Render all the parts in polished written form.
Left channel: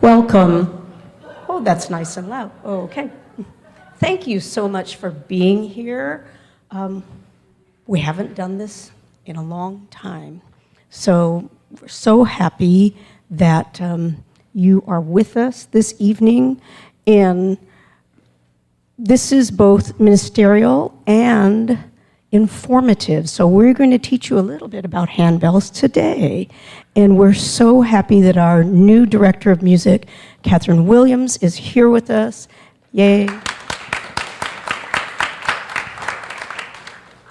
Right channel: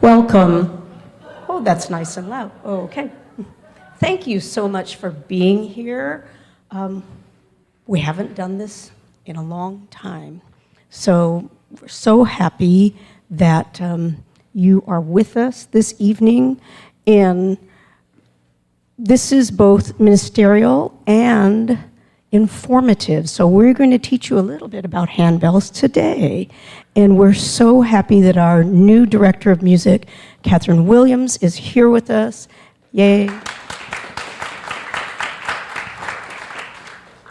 Welcome. Oh, that's nice and loud. Oh, okay. Thank you so much for being here. We haven't done this in a long time, so we're so happy that you are with us this evening. And this is both ministerial and informative. So we're going to teach you a little bit about handbells today. And we're so happy that our new director of music, Catherine Williams, is here with us. Yay.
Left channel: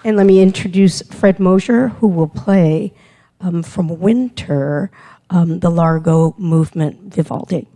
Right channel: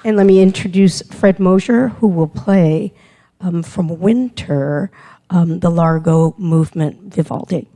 And let me introduce Fred Mosier, who will play from Winter, the Largo Movement Vivaldi.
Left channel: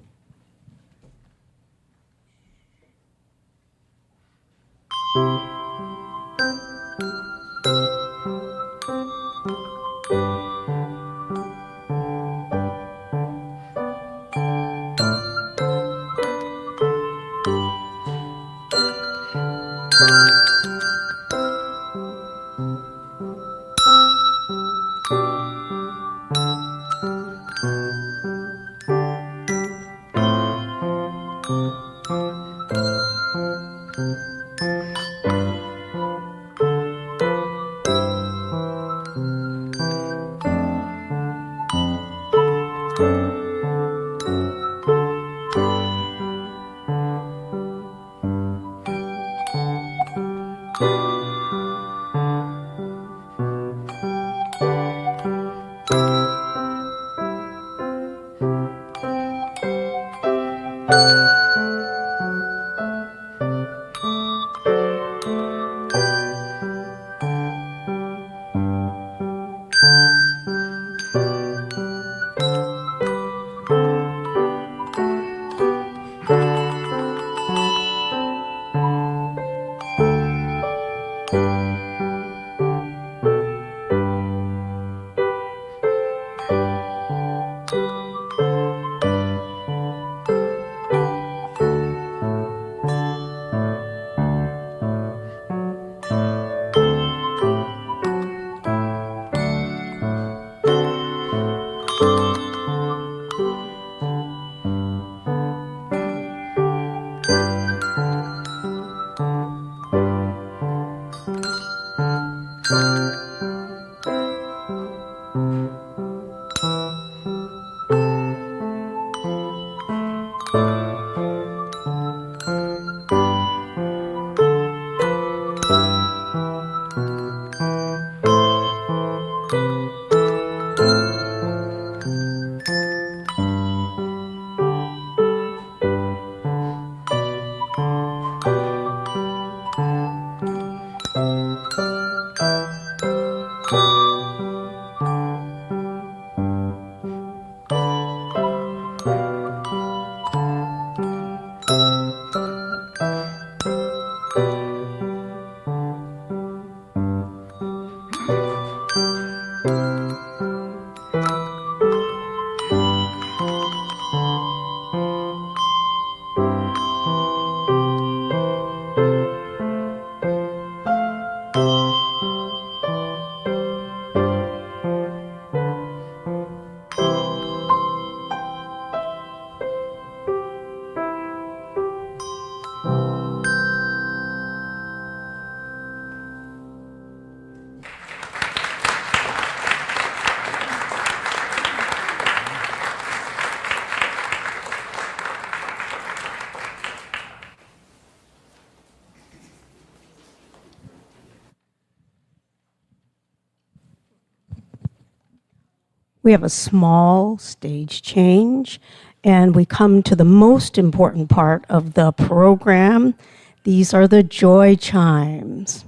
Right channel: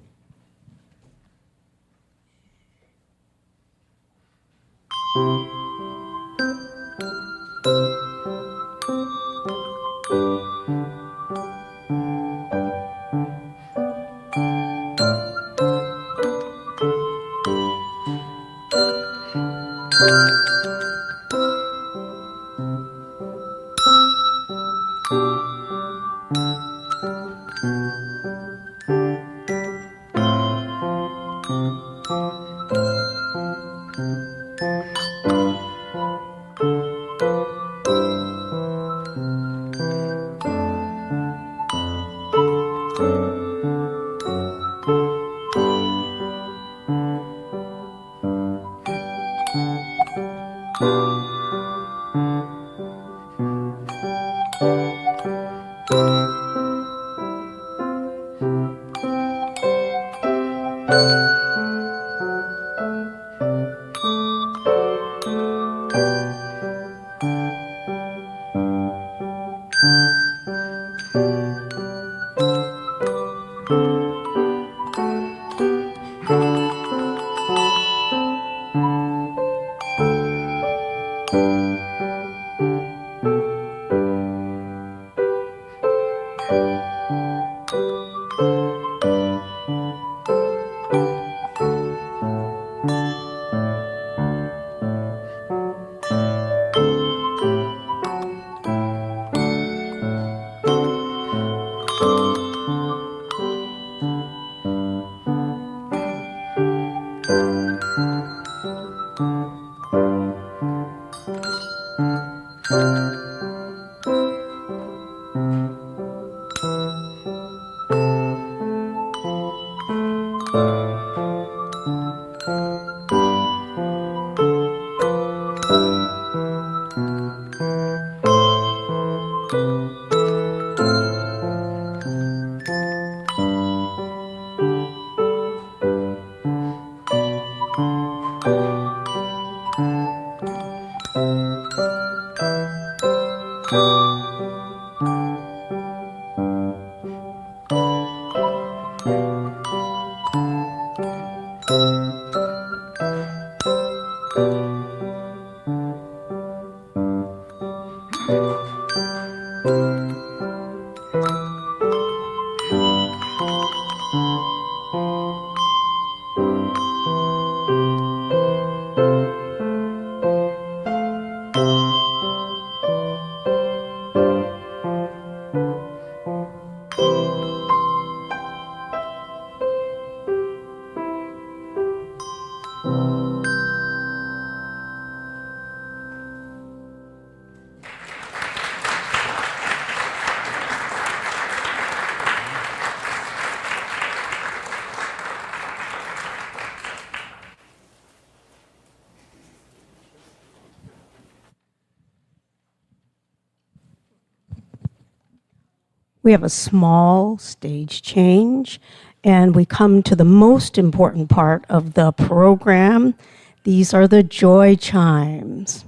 We have a small stage change, and we come to the most important part of the program. These are the joy chimes.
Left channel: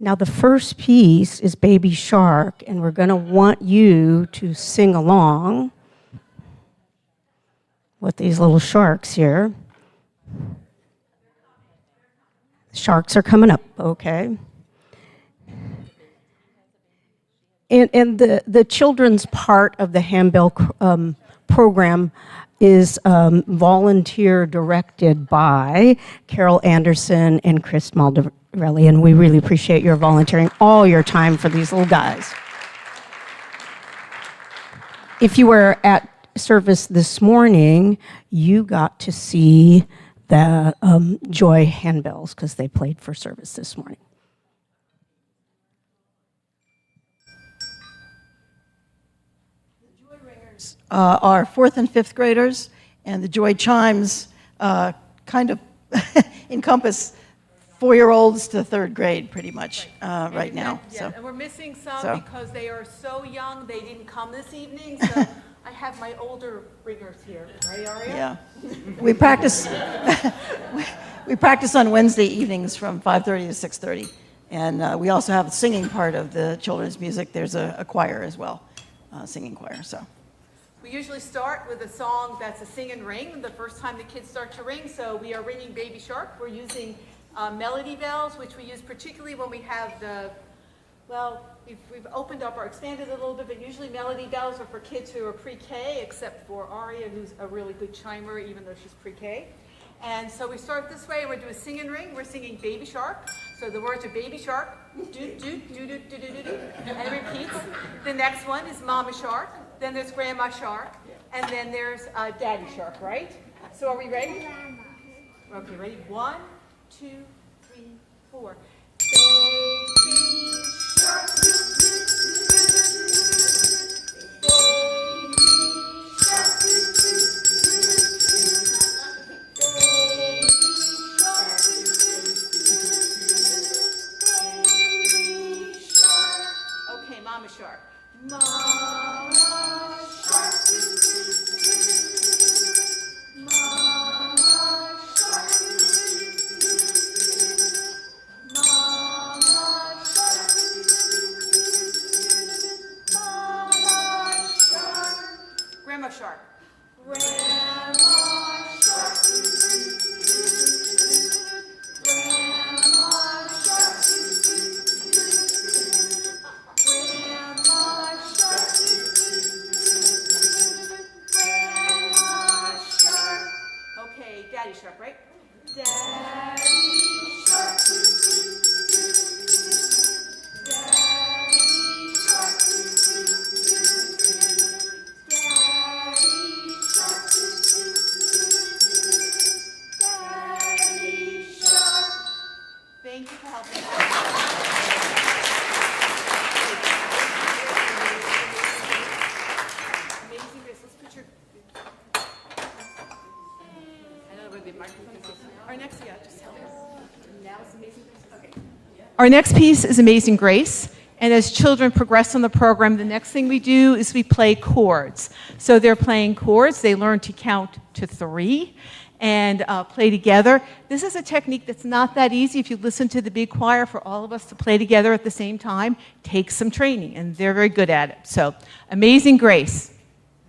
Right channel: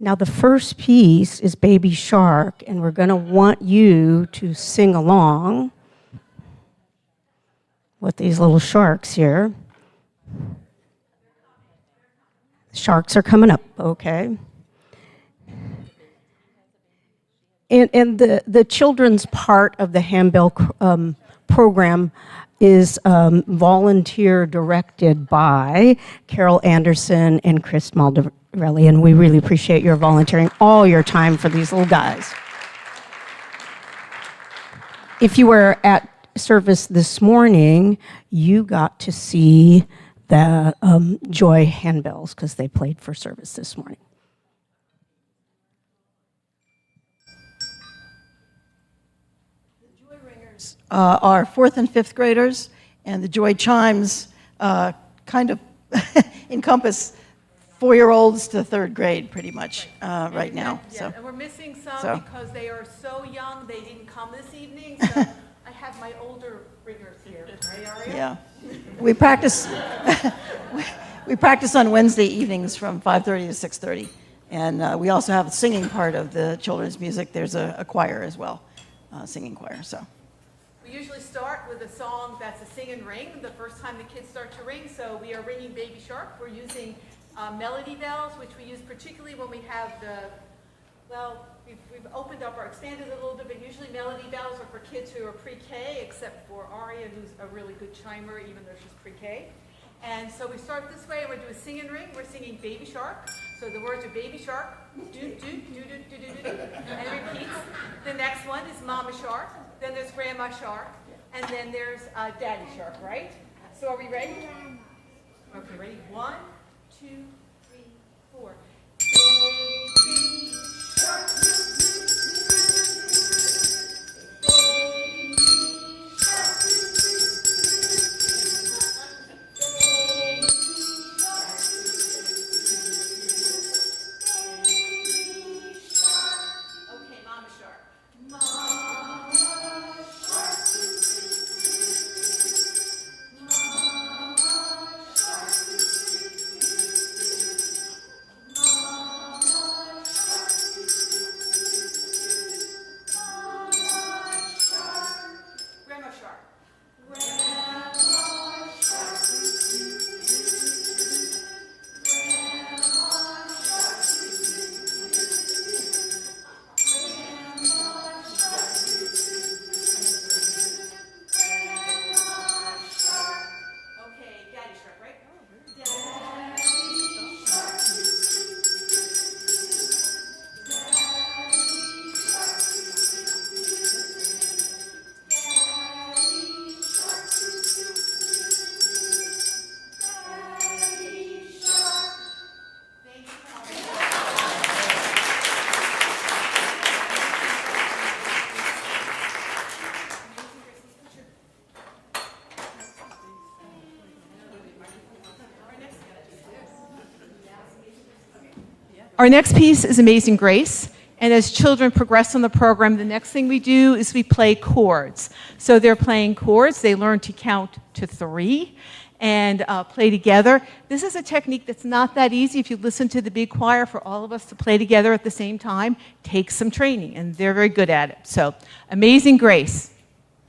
Now, the first piece is Baby Shark, and we're going to want you to sing along with these little sharks here. The sharks are coming up, okay. And the children's part of the handbell program is volunteer directed by Carol Anderson and Chris Maldarelli, and we really appreciate your volunteering all your time for these little guys. If you were at service this morning, you got to see the Joy handbells because they played for service this morning. The Joy Ringers are 4th and 5th graders, and the Joy Chimes kind of encompass 4-year-olds to 3rd grade pretty much right now. Yeah, So. and we're missing some because they are so young, they didn't come this evening, so I have my older ringers here, right, Aria? Yeah. We practice we practice on Wednesday evenings from 5:30 to 6:30. And we also have a singing part of the children's music. There's a choir as well, singing choir. So We usually start with a song that's a sing and ring, the first time the kids start to ring. So we are ringing Baby Shark. We're using melody bells, which we use particularly when we have we've opened up or expanded a little bit, but usually melody bells are for kids who are pre-K, except for Aria, who's a really good chimer, even though she's pre-K. And so we start this way, and we're doing a sing and ring. We're singing Baby Shark. So the words are Baby Shark, doot, doot, doot, doot, doot, doot, doot, and it repeats. The next one is Mama Shark. Then there's Grandma Shark. And then there's Daddy Shark, right? So are we ready? Okay, ready? 1, 2, 3, 4. Baby Shark, doot, doot, doot, doot, Baby Shark, doot, doot, doot, Mama Shark. Mama Shark. Mama Shark. Mama Shark. Mama Shark. Grandma Shark. Grandma Shark. Daddy Shark, right? Daddy Shark. Daddy Shark. Daddy Shark. Daddy Shark. Thank you for helping us. Amazing Grace. Let's put your... Our next piece is Amazing Grace, and as children progress on the program, the next thing we do is we play chords. So they're playing chords, they learn to count to 3 and play together. This is a technique that's not that easy. If you listen to the big choir, for all of us to play together at the same time takes some training, and they're very good at it. So, Amazing Grace.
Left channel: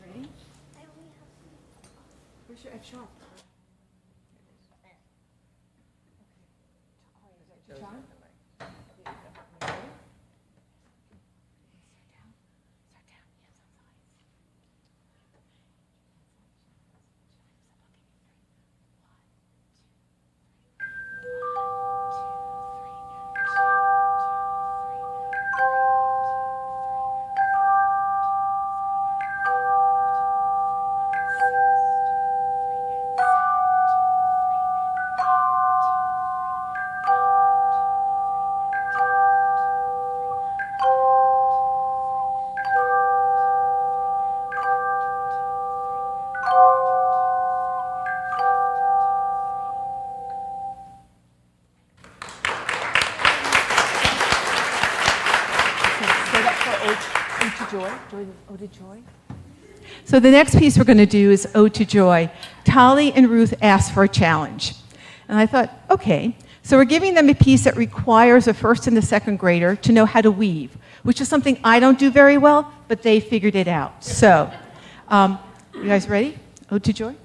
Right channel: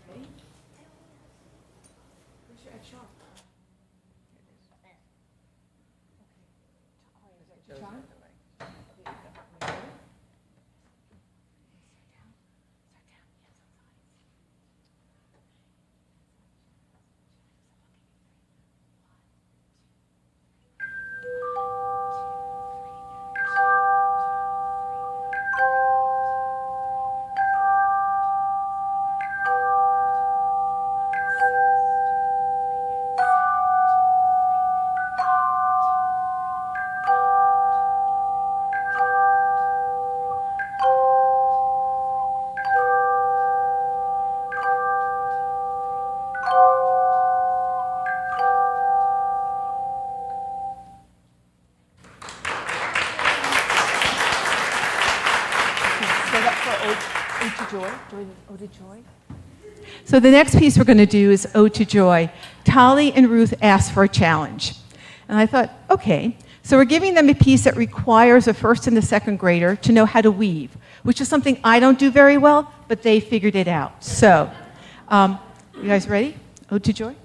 Ready? Where's your F sharp? Ode to Joy. So the next piece we're going to do is Ode to Joy. Tali and Ruth asked for a challenge. And I thought, okay. So we're giving them a piece that requires a first and a second grader to know how to weave, which is something I don't do very well, but they figured it out. So, you guys ready? Ode to Joy?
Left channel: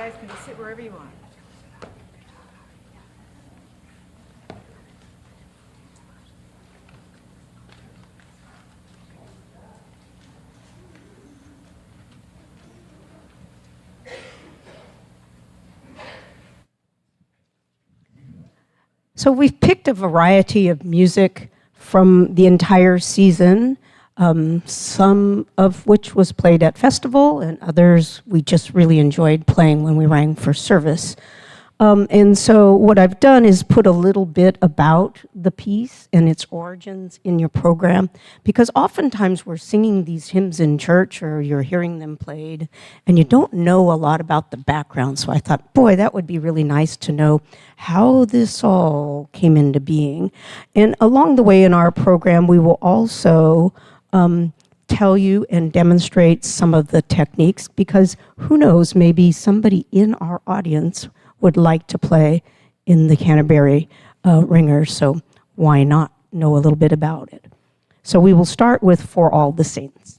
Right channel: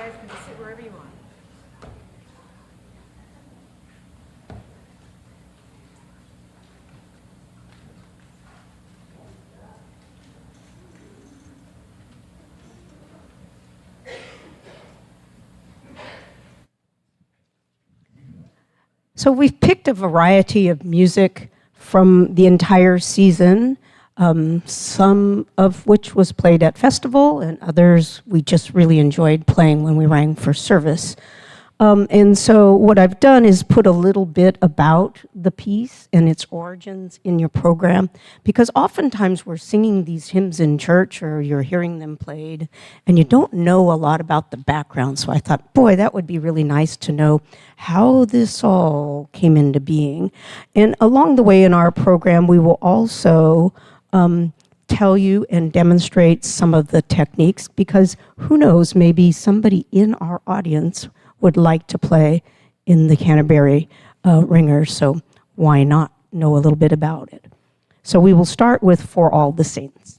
guys can just sit wherever you want. So we've picked a variety of music from the entire season, some of which was played at festival, and others we just really enjoyed playing when we rang for service. And so what I've done is put a little bit about the piece and its origins in your program, because oftentimes we're singing these hymns in church or you're hearing them played, and you don't know a lot about the background. So I thought, boy, that would be really nice to know how this all came into being. And along the way in our program, we will also tell you and demonstrate some of the techniques, because who knows, maybe somebody in our audience would like to play in the Canterbury Ringers, so why not know a little bit about it? So we will start with For All the Saints.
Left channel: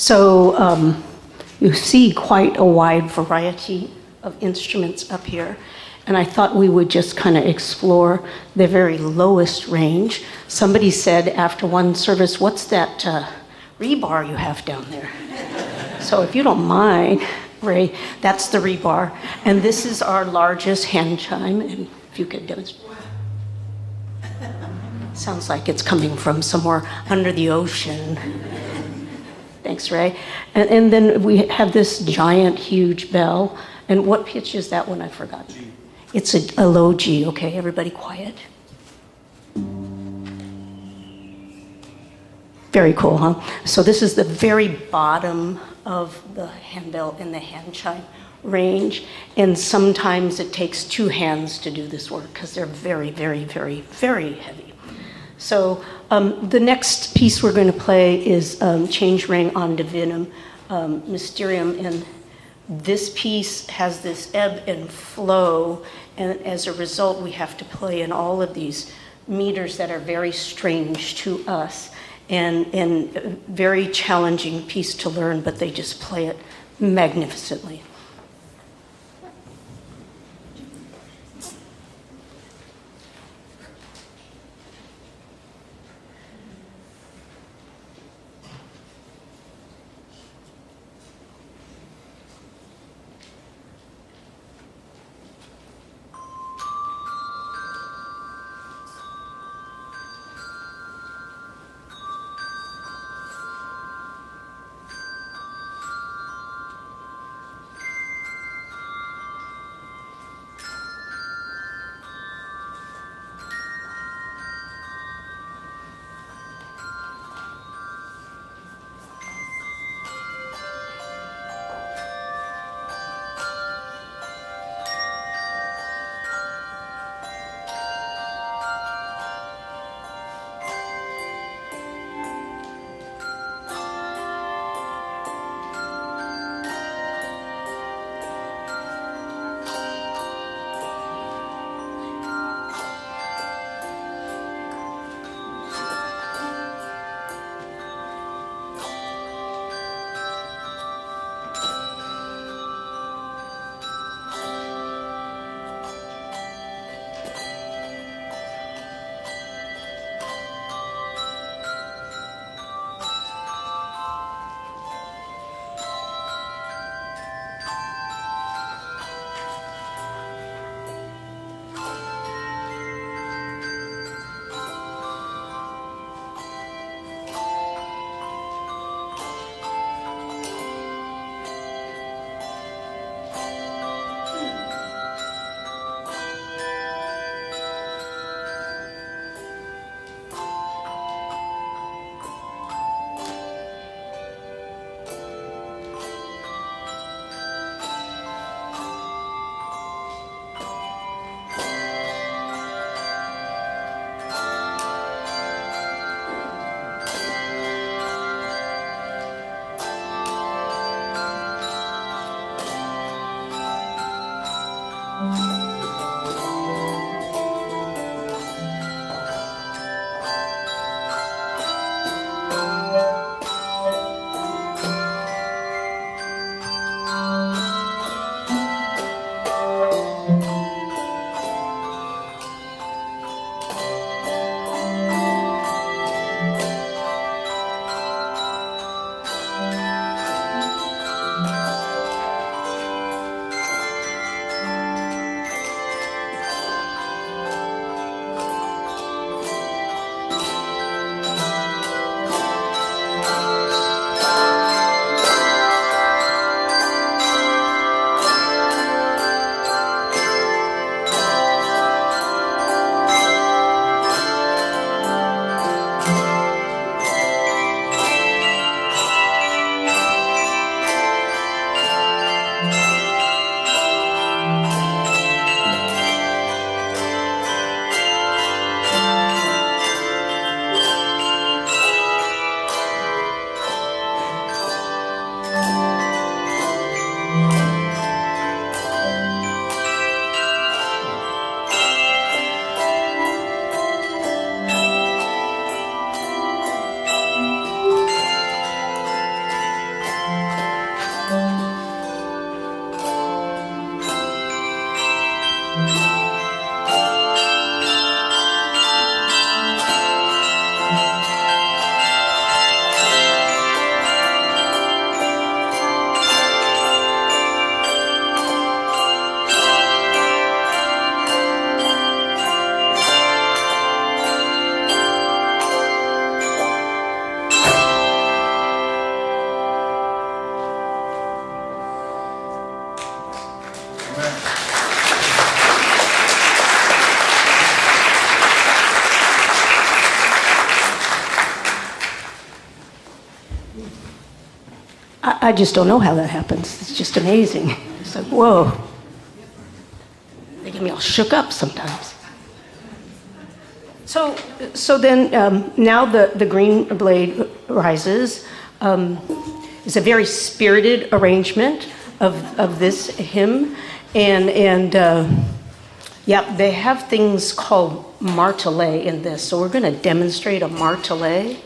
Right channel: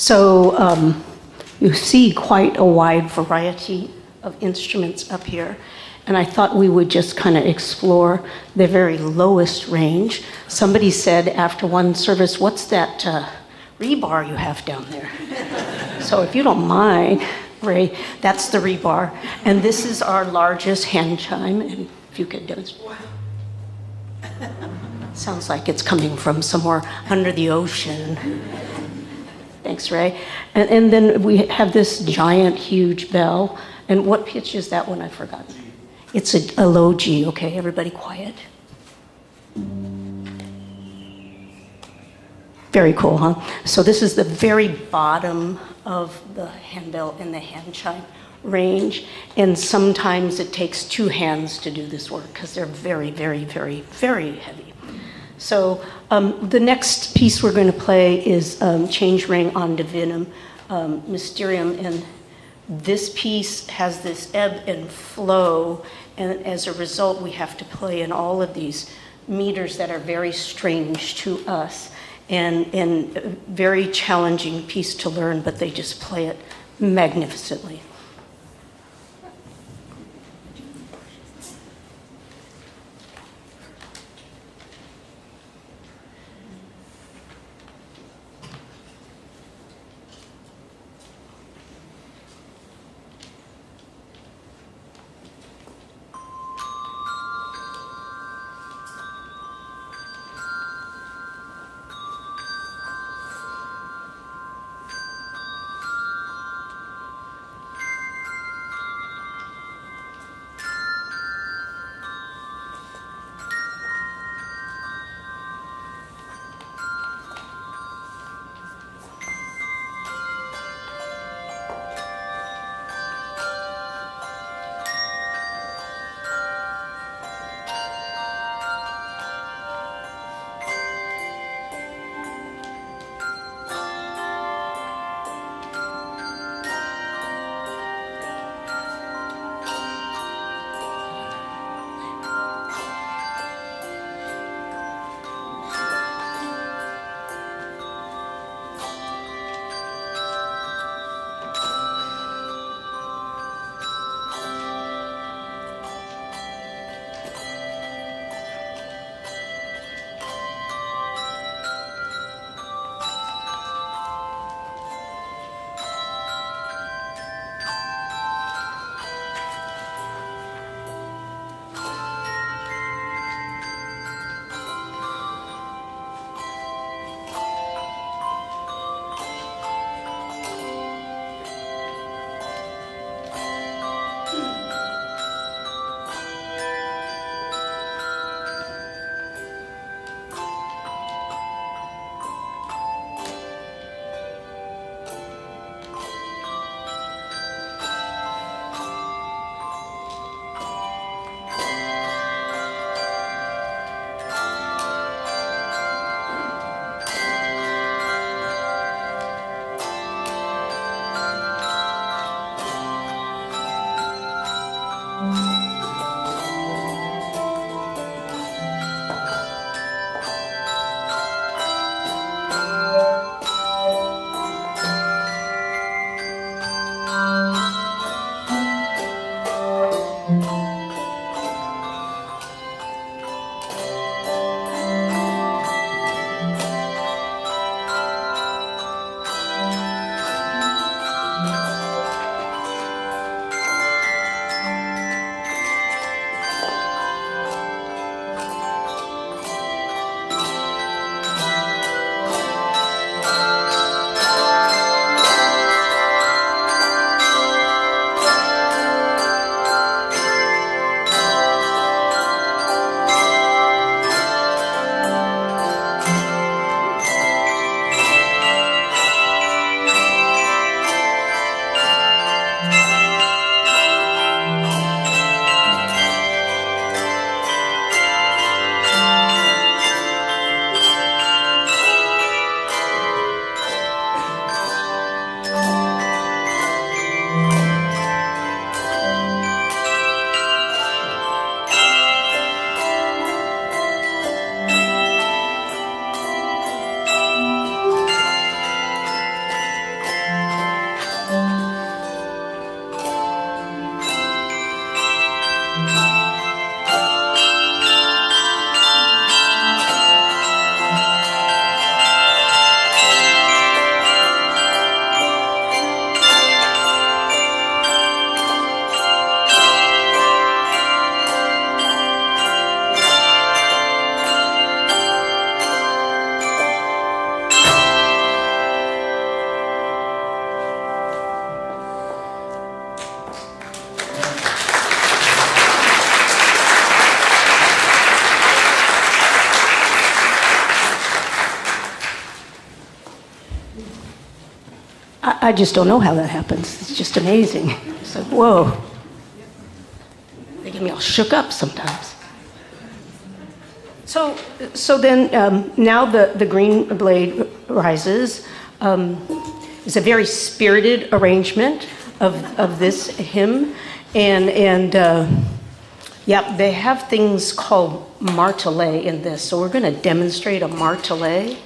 So you see quite a wide variety of instruments up here. And I thought we would just kind of explore the very lowest range. Somebody said after one service, "What's that rebar you have down there?" So if you don't mind, Ray, that's the rebar. And this is our largest hand chime. And if you could demonstrate. Sounds like it's coming from somewhere under the ocean. Thanks, Ray. And then we have this giant, huge bell. And what pitch is that one? I forgot. It's a low G. Okay, everybody quiet. Very cool, huh? So this is the very bottom of the handbell in the hand chime range. And sometimes it takes two hands to do this work because they're very, very, very, very heavy. So the next piece we're going to play is Change Ring on Divinum Mysterium. And this piece has this ebb and flow. And as a result, we have to play in all of these meters that are very strange to us. And a very challenging piece to learn, but they just play it magnificently. I just don't know how that happens. It's just amazing. It's like, whoa. They get me all shook up sometimes. So then now the green blade rises is a very spirited arrangement of this hymn. And yeah, they have things called martelet in this. So we're going to demonstrate a martelet.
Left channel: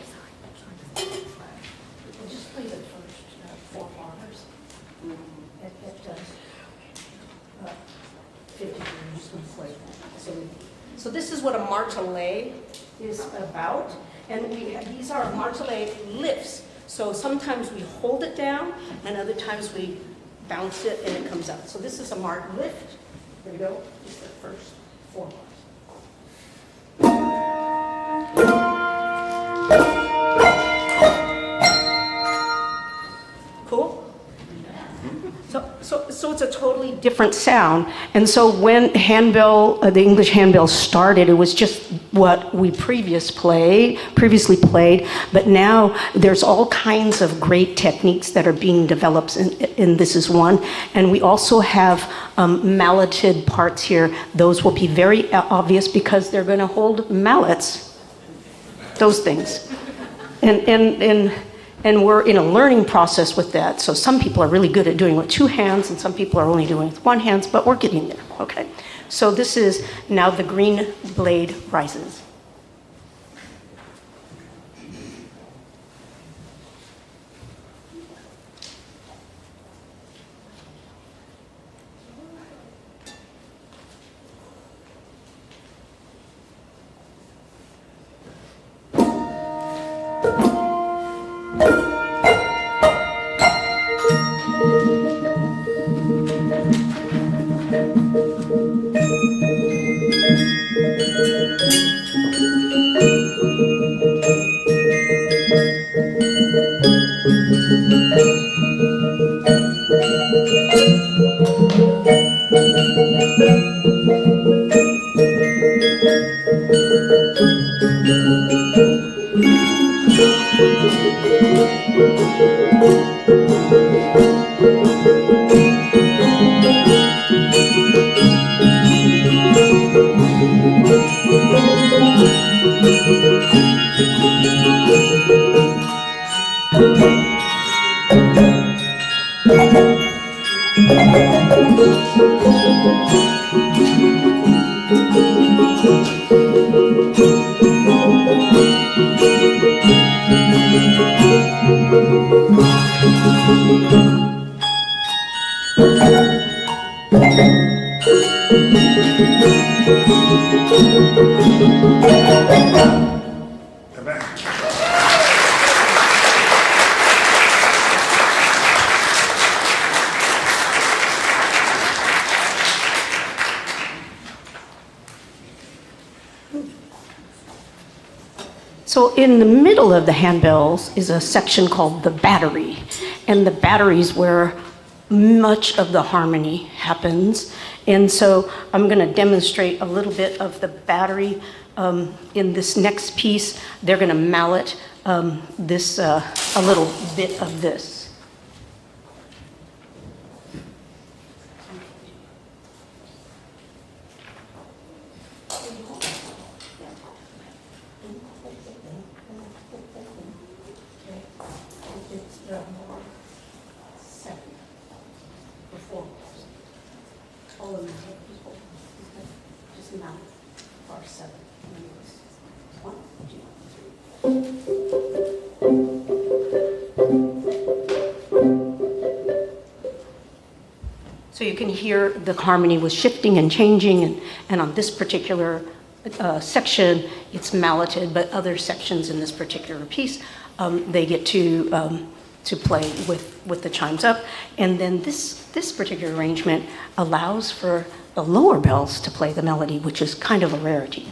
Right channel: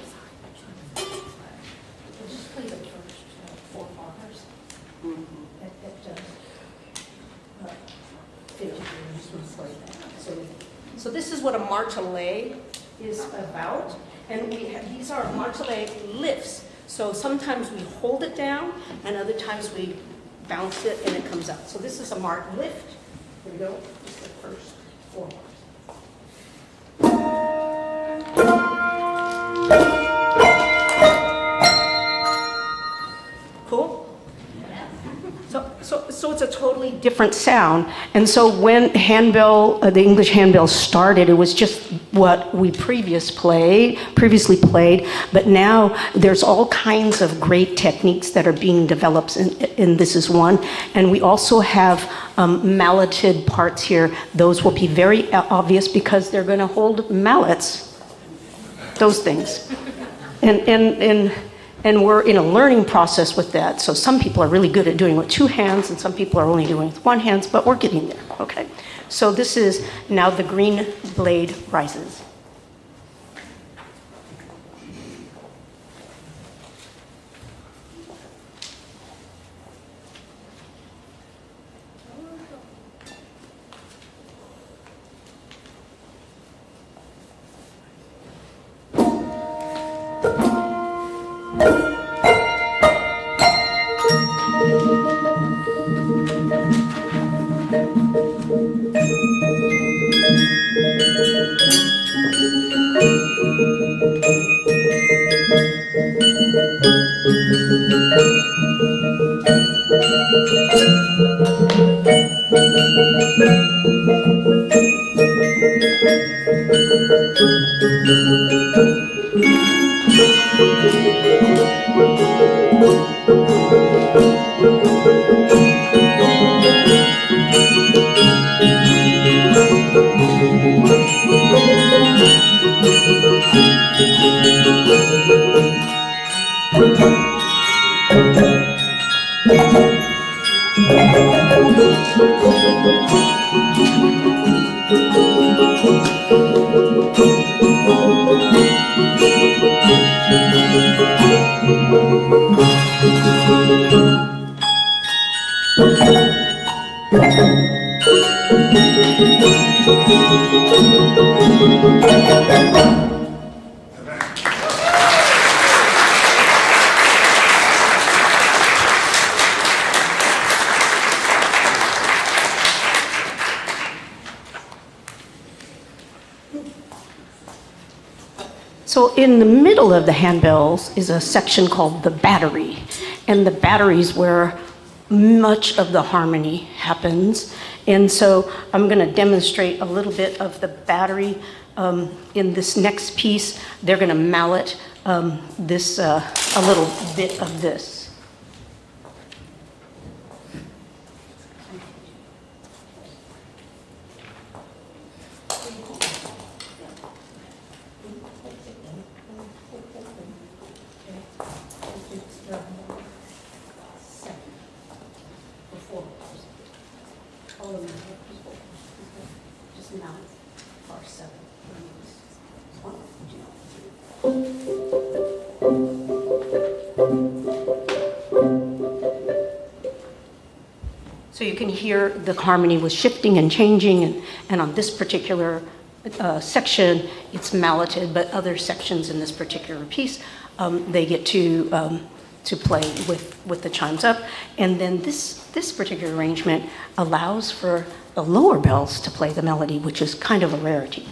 So this is what a martelet is about, and these are martelet lifts. So sometimes we hold it down, and other times we bounce it and it comes up. So this is a mark lift. Here we go. Just the first 4 bars. Cool. So it's a totally different sound. And so when the English handbell started, it was just what we previously played, but now there's all kinds of great techniques that are being developed, and this is one. And we also have malleted parts here. Those will be very obvious because they're going to hold mallets, those things. And we're in a learning process with that. So some people are really good at doing it with 2 hands, and some people are only doing it with 1 hand, but we're getting there, okay? So this is now the green blade rises. So in the middle of the handbells is a section called the battery. And the battery is where much of the harmony happens. And so I'm going to demonstrate a little bit of the battery in this next piece. They're going to mallet a little bit of this. Just mount bar 7. 1, 2, 3. So you can hear the harmony was shifting and changing, and on this particular section, it's malleted, but other sections in this particular piece, they get to play with the chimes up. And then this particular arrangement allows for the lower bells to play the melody, which is kind of a rarity.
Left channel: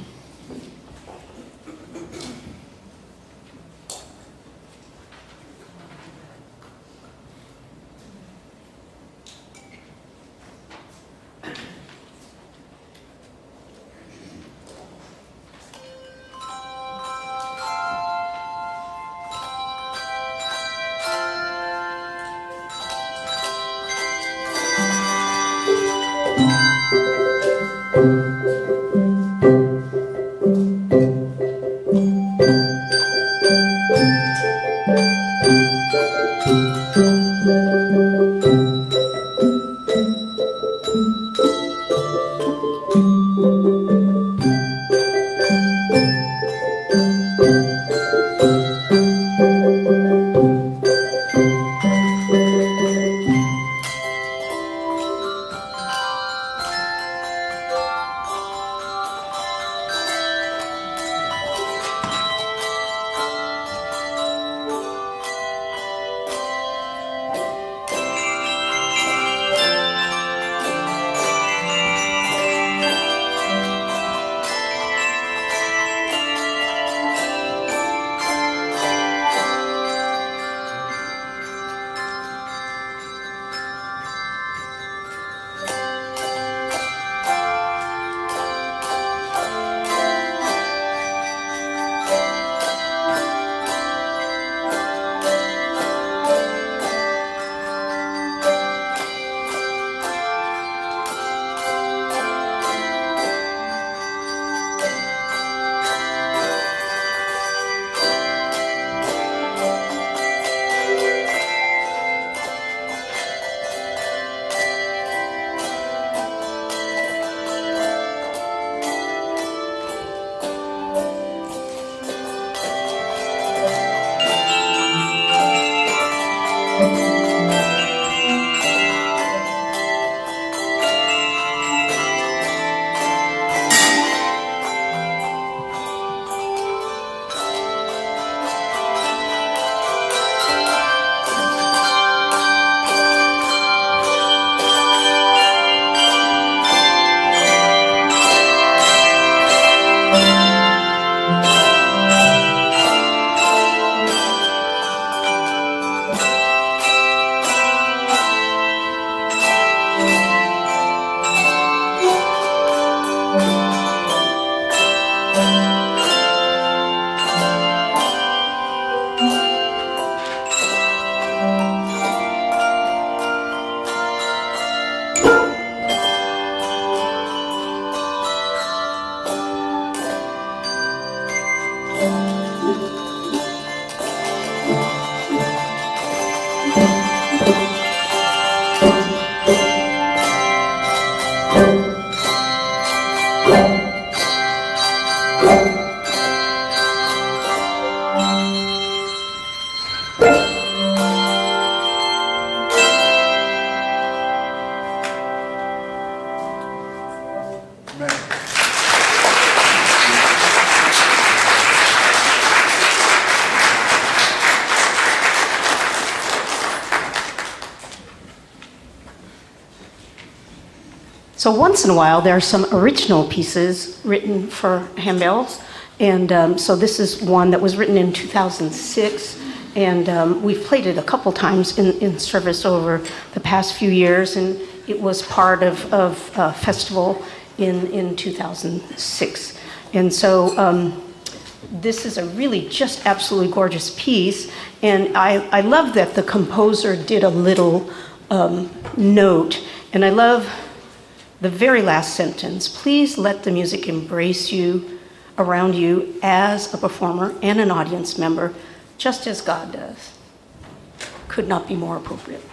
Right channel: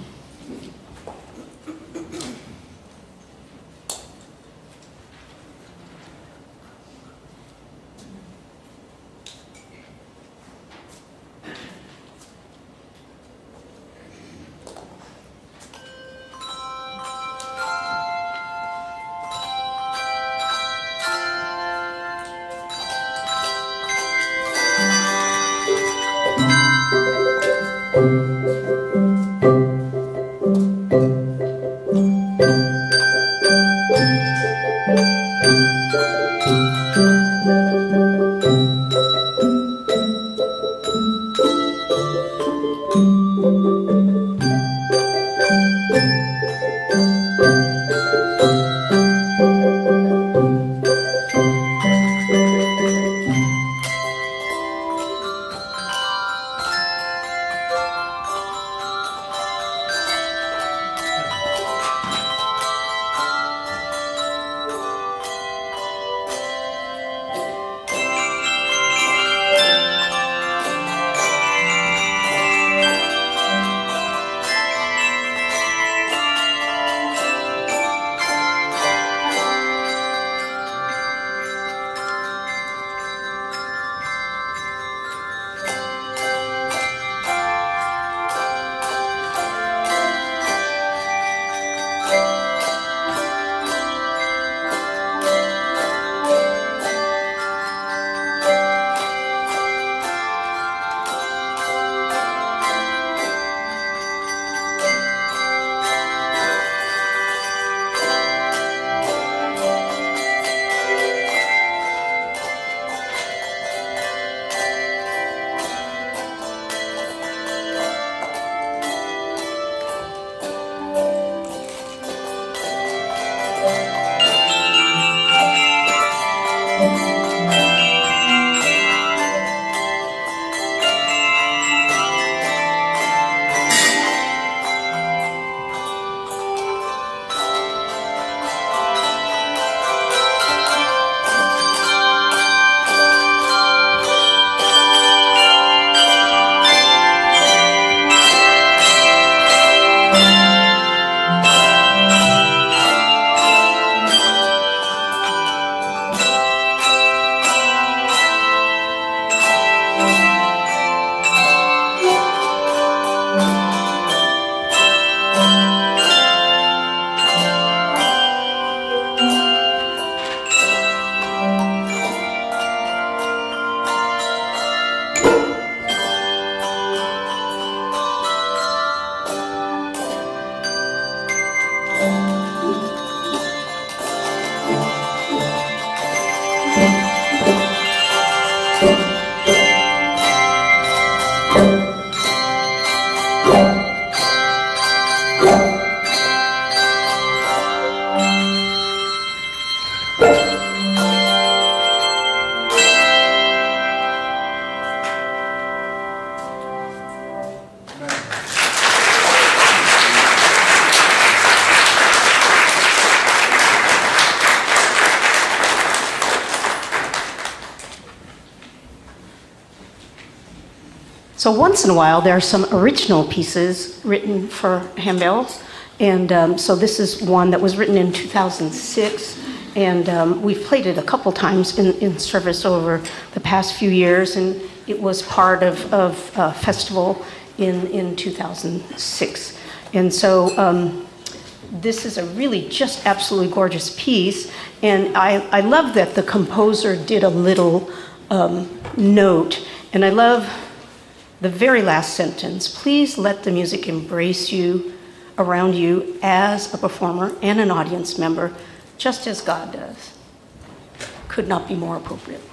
So once in a while, there are some original pieces written for handbells. And so this is one that was written in 2006. And we've played it a couple times in service over the past few years. And it was part of a festival in 2006. And so this is a really just absolutely gorgeous piece. And I love that the composer did a little note. And I love the very last sentence. Please let the music embrace you, around you, as a performer and an audience member, just as God does. Could not be more appropriate.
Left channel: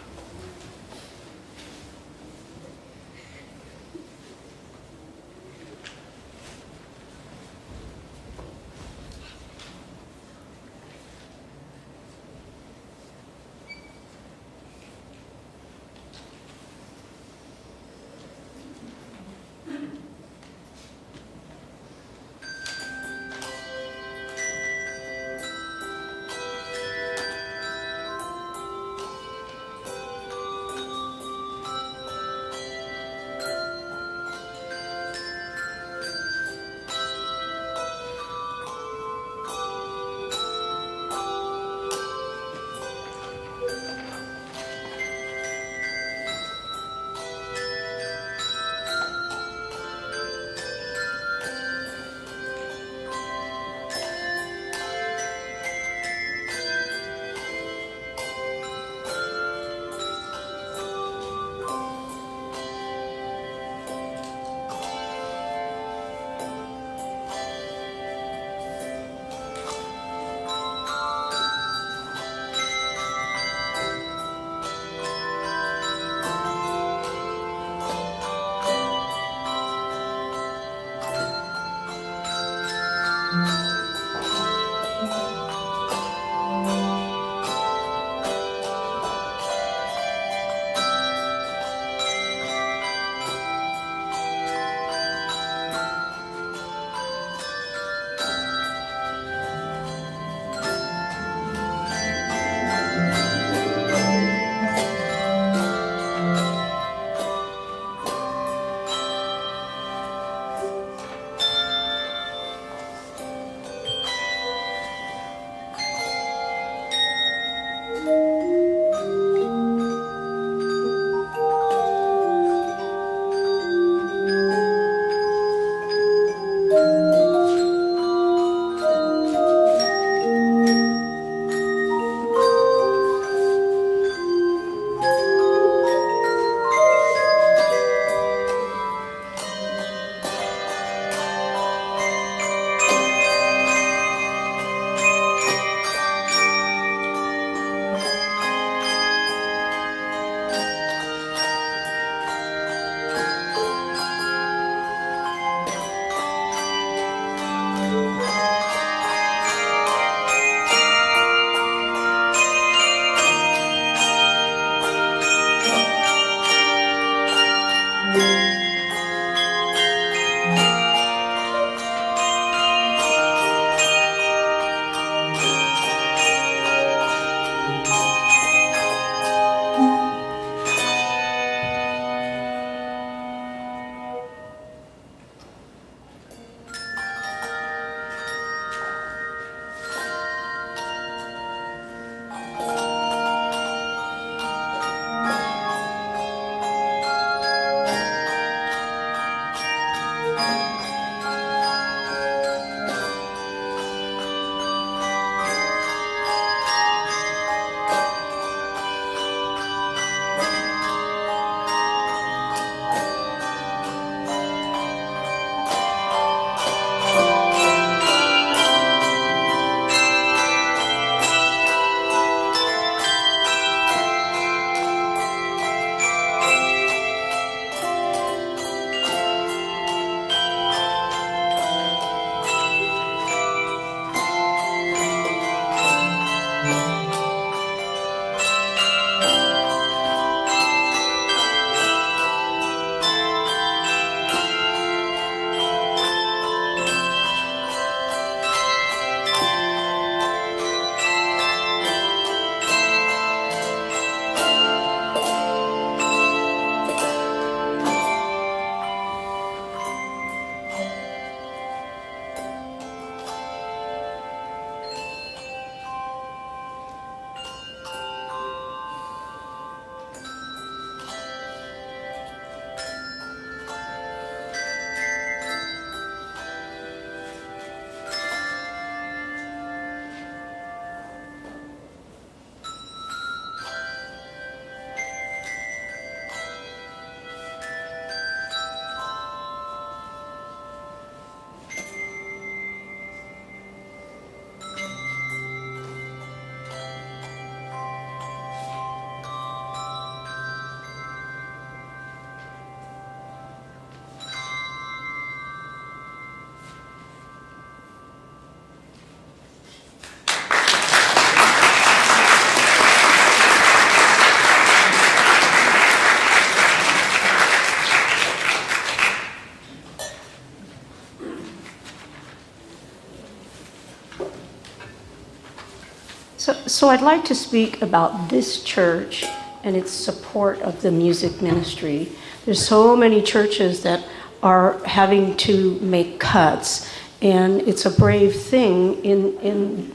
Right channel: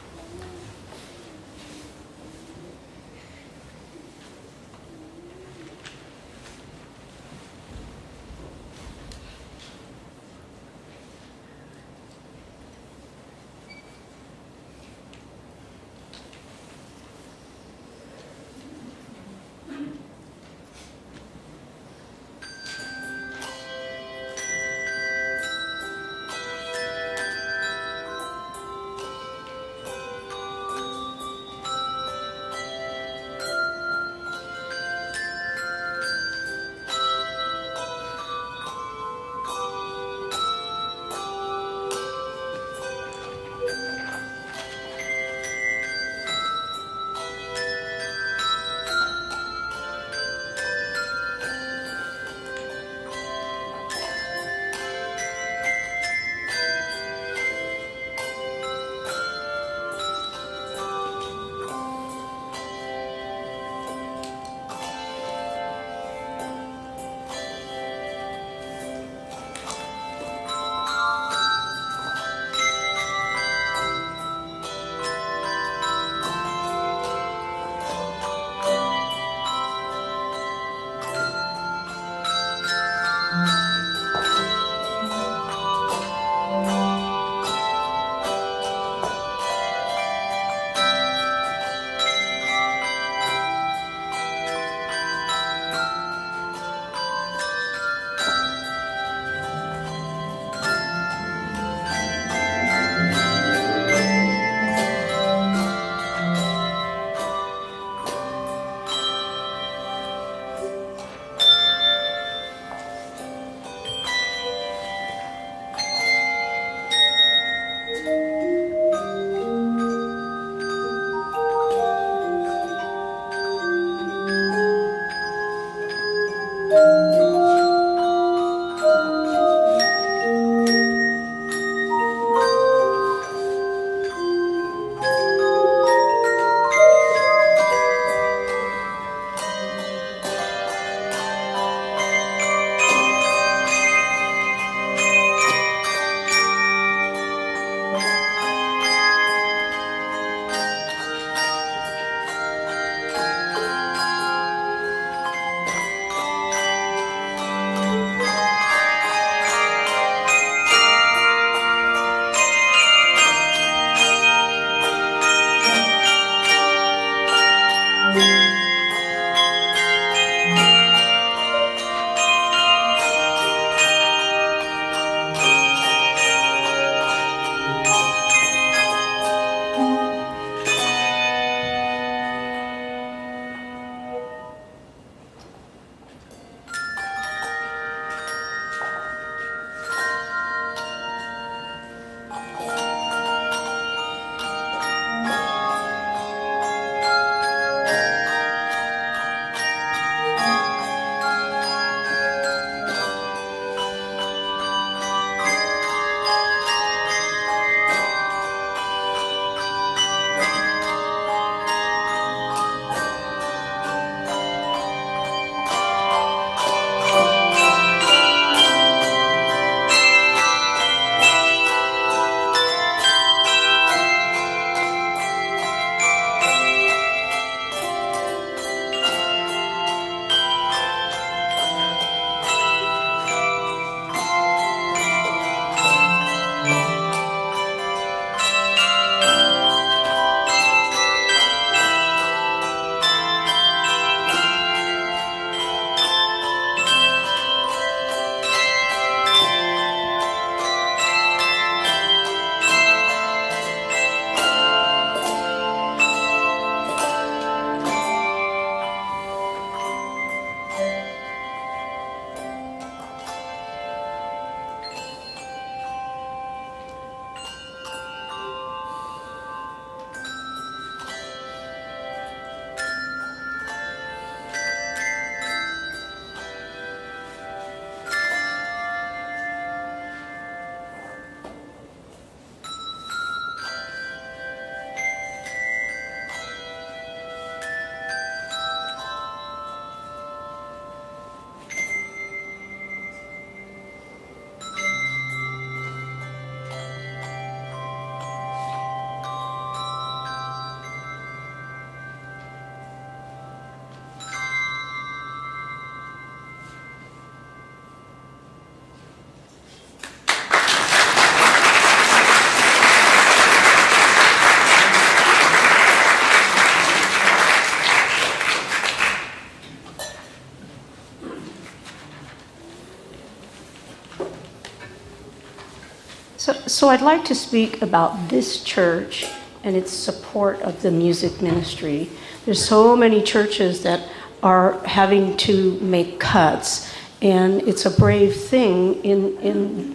So I'd like to speak about this church and its support of the music ministry. There's so many churches that are having to make cuts, and it's a brave thing in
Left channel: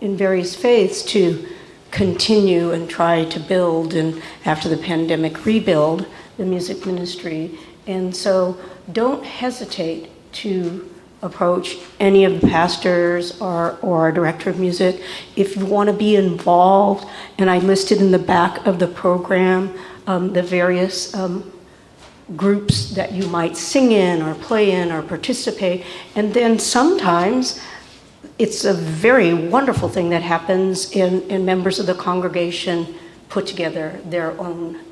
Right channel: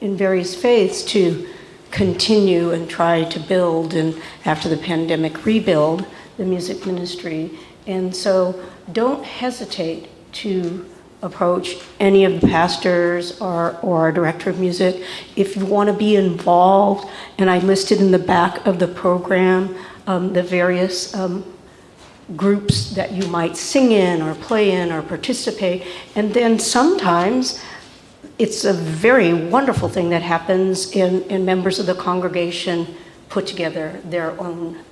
various faiths to continue and try to build, and after the pandemic, rebuild the music ministry. And so don't hesitate to approach any of the pastors or our director of music if you want to be involved. And I listed in the back of the program the various groups that you might sing in or play in or participate. And then sometimes it's a very wonderful thing that happens in members of the congregation put together their own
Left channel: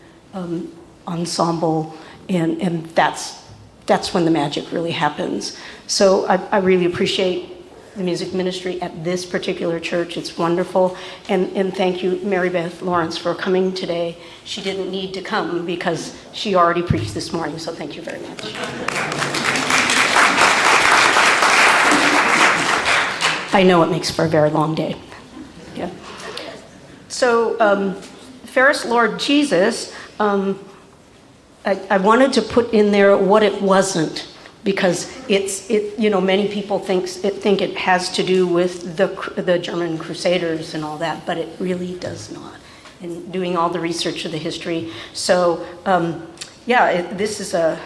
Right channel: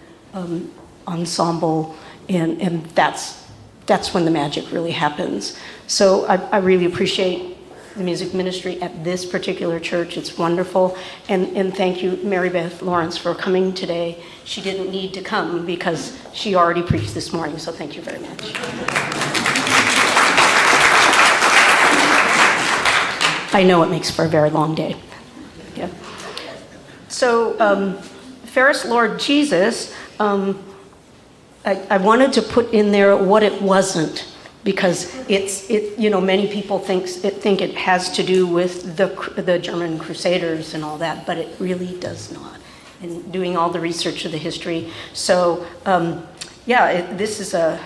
ensemble, and that's when the magic really happens. So I really appreciate the music ministry at this particular church. It's wonderful. And thank you, Mary Beth Lawrence, for coming today. She didn't need to come because she already preached this morning, so thank you very much. I know it makes for a very long day. Yeah. So, Ferris Lord Jesus, I wanted to put in there what it wasn't, because many people think it has to do with the German Crusaders and all that, but it really does not. And doing all the research of the history, so this is an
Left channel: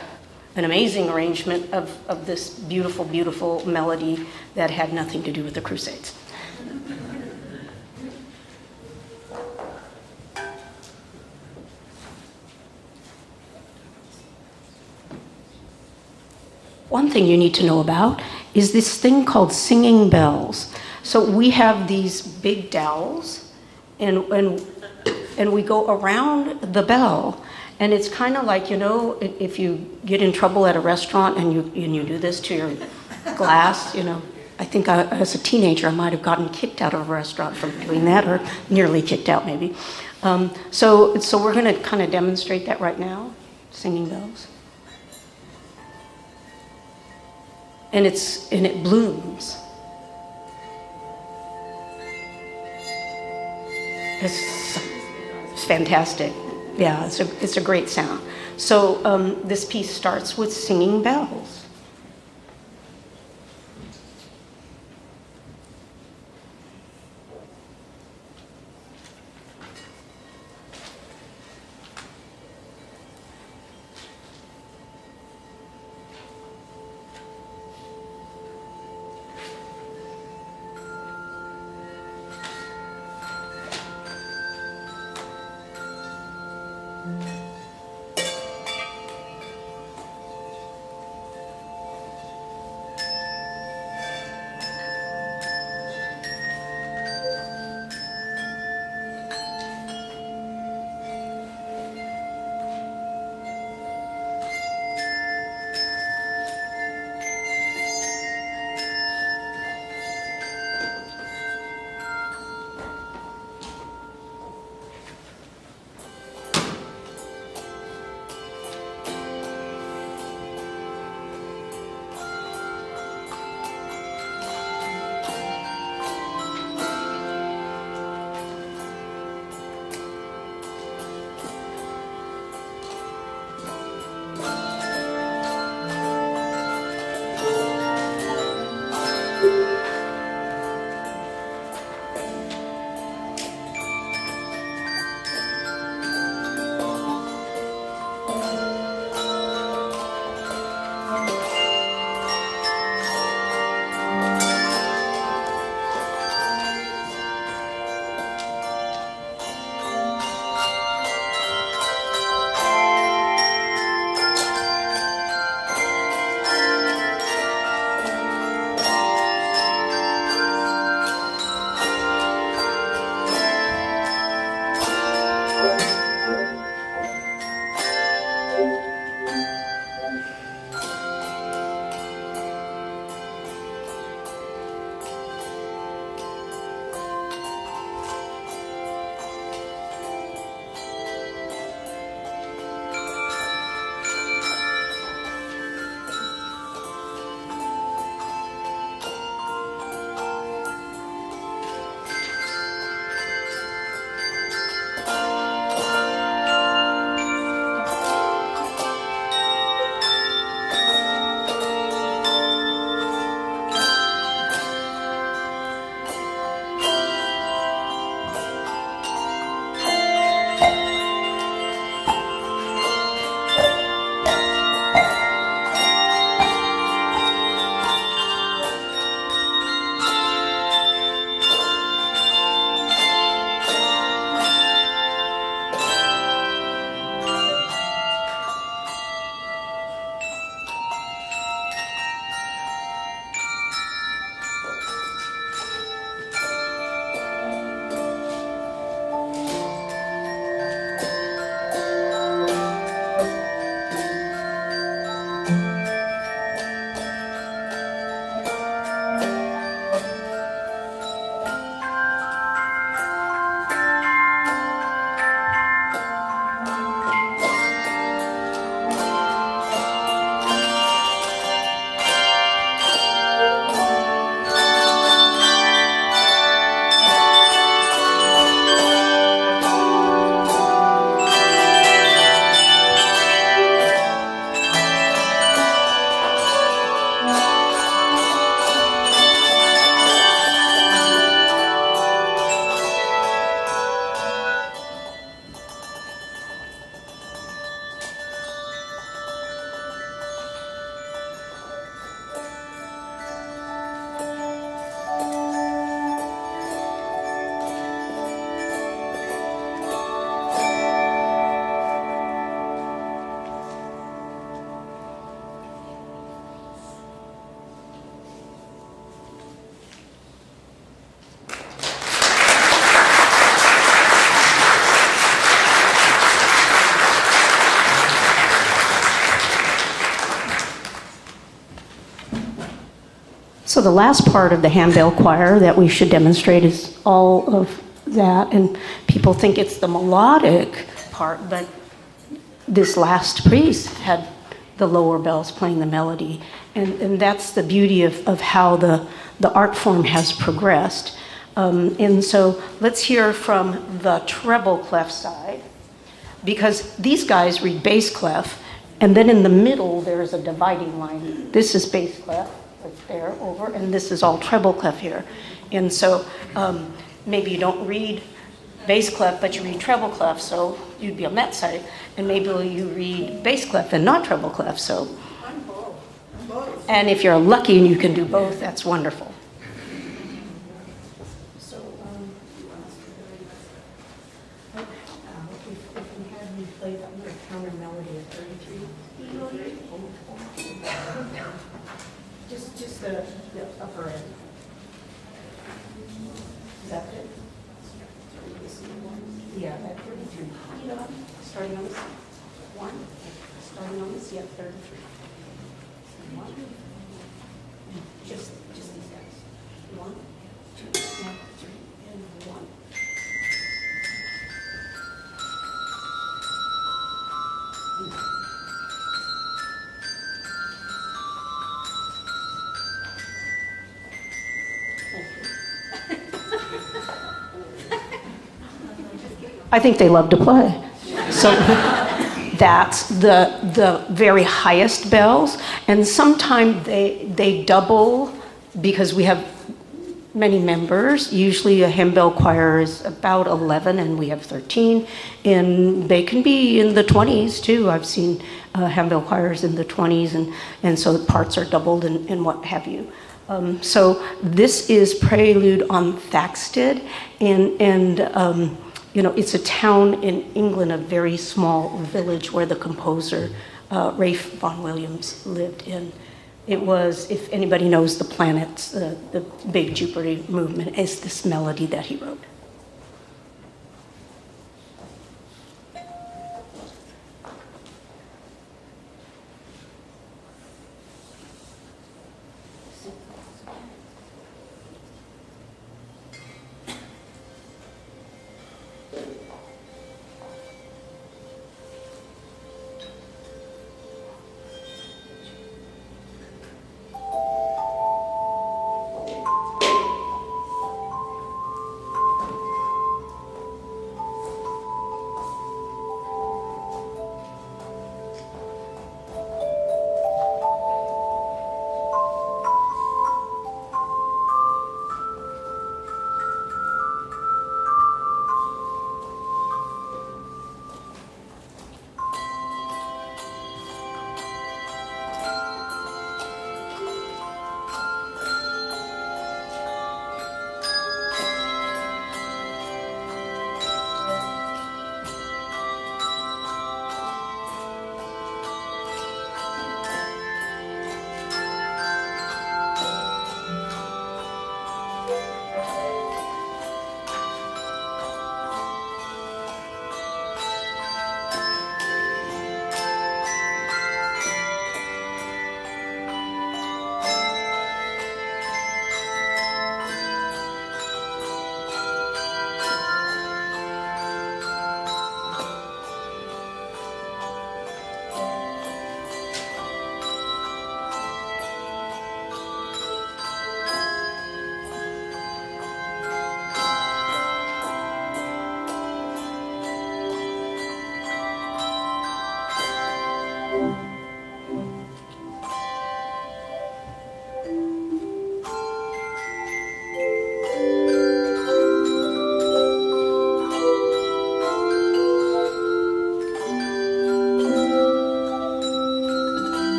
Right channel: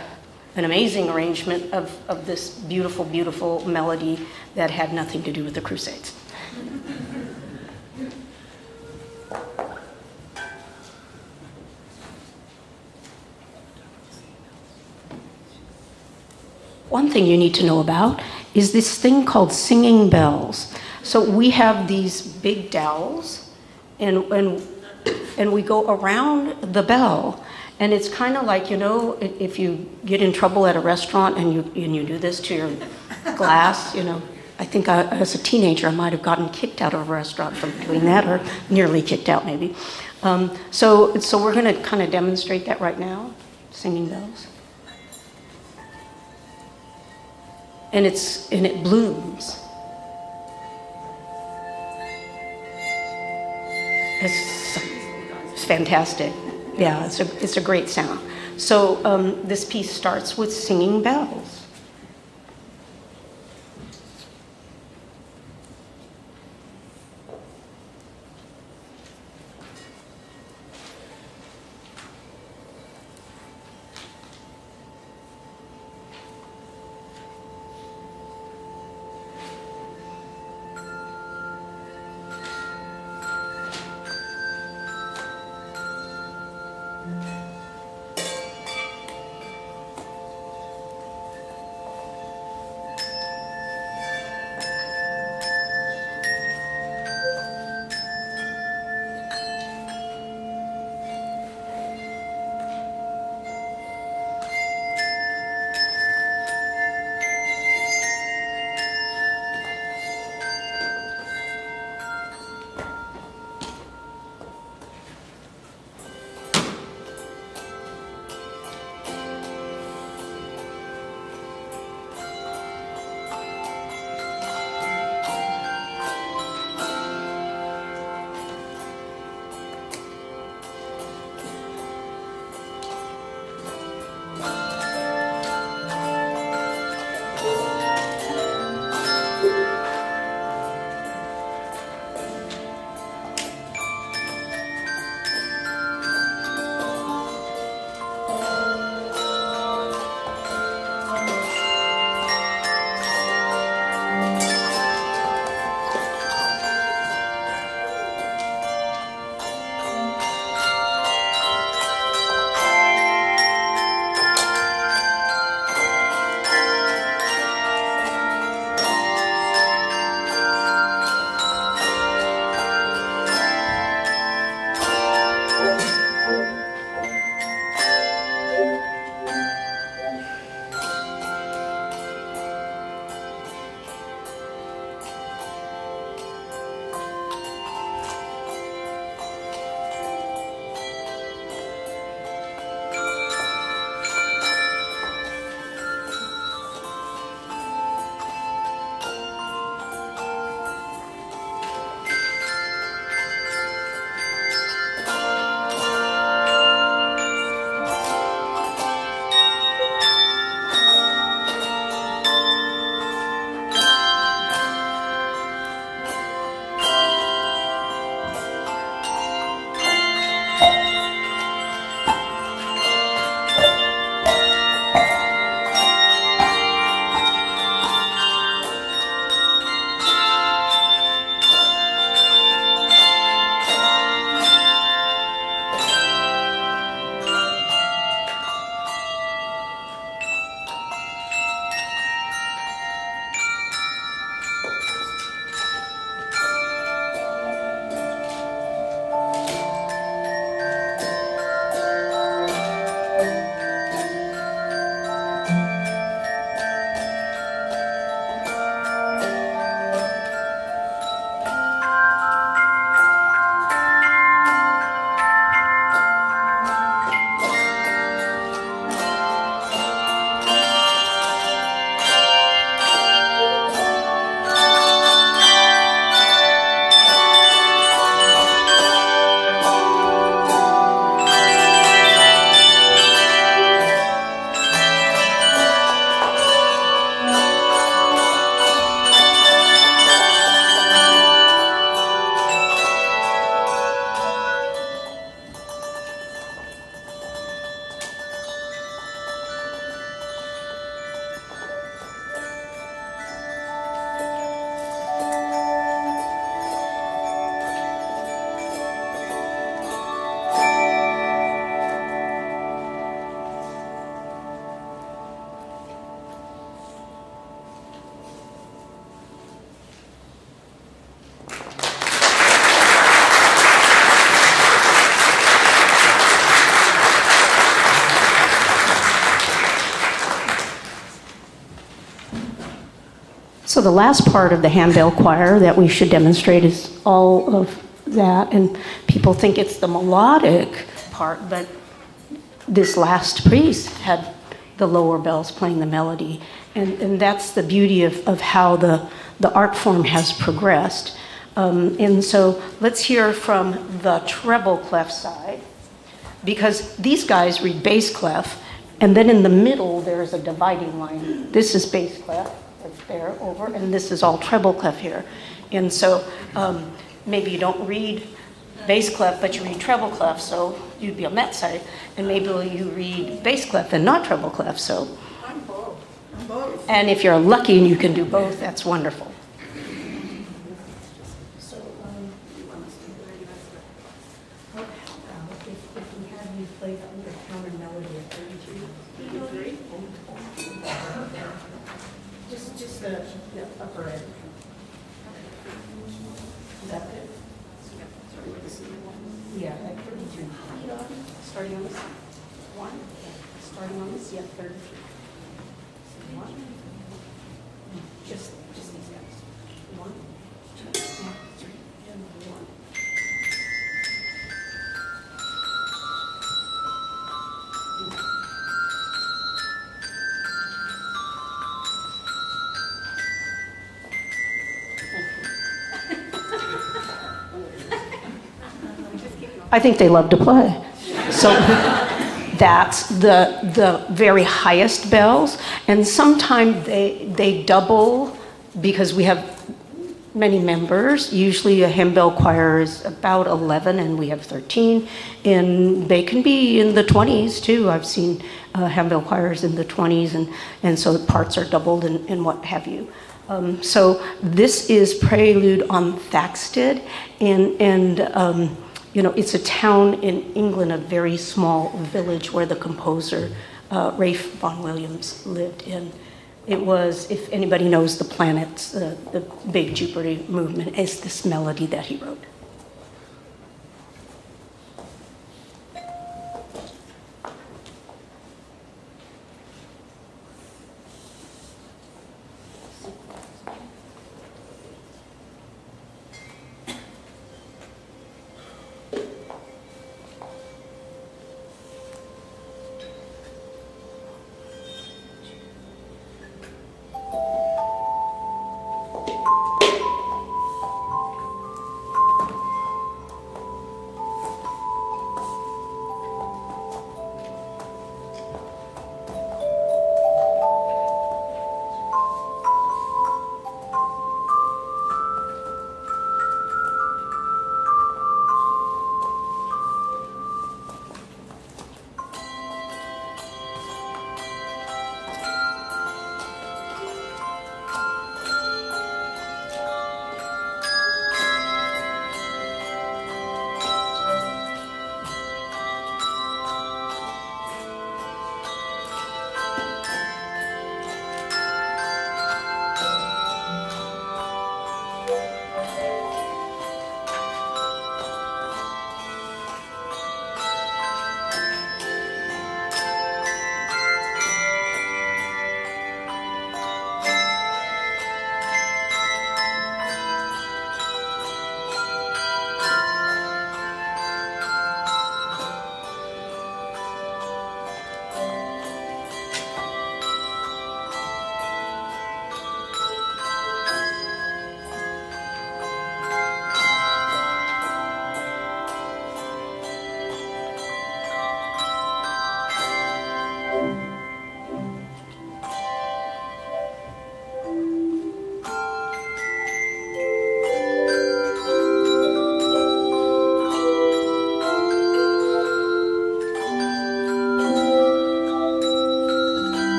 amazing arrangement of this beautiful, beautiful melody that had nothing to do with the Crusades. One thing you need to know about is this thing called singing bells. So we have these big dowels, and we go around the bell. And it's kind of like, if you get in trouble at a restaurant and you do this to your glass, I think as a teenager I might have gotten kicked out of a restaurant from doing that, or nearly kicked out maybe. So we're going to kind of demonstrate that right now, singing bells. And it blooms. It's fantastic. Yeah, it's a great sound. So this piece starts with singing bells. So the last part of the handbell choir that we should demonstrate is all of that, and people think it's the melodic part, but this last piece had the lower bells playing the melody, and that's the beauty of how the art form has progressed. And so let's hear from the treble clef side, because these guys read bass clef, and then in the middle there's a dividing line. This is bass clef, right there, over, and this is all treble clef here. And so maybe you don't read bass clef, but you read treble clef, so you'd be on that side. And maybe you read bass clef and not treble clef, so. I'm both. And if you're lucky and you can do both, that's wonderful. So, if we had you play the under counter melody of 33, just the upper end. Is that good? Yeah, at 33. Starting on this. One. Starting on this. Yeah, 33. One. Just these guys. 1, 2, and 3, and 1. I think they love to play. So that's the very highest bells, and sometimes they double because we have many members. Usually a hymn bell choir is about 11 and we have 13, and they can be in the 20s too. I've seen hymn bell choirs in the 20s, and so parts are doubled and what have you. So this is Prelude on Thaxted, and it's a town in England, a very small village where the composer Ralph Vaughan Williams lived in. It was, if anybody knows the planets, the big Jupiter movement, is this melody that he wrote.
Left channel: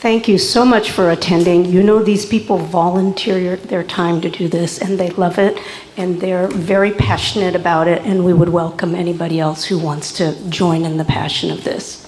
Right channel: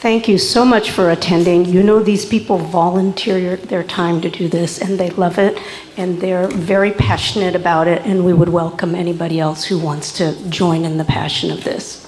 Thank you so much for attending. You know, these people volunteer their time to do this, and they love it, and they're very passionate about it, and we would welcome anybody else who wants to join in the passion of this.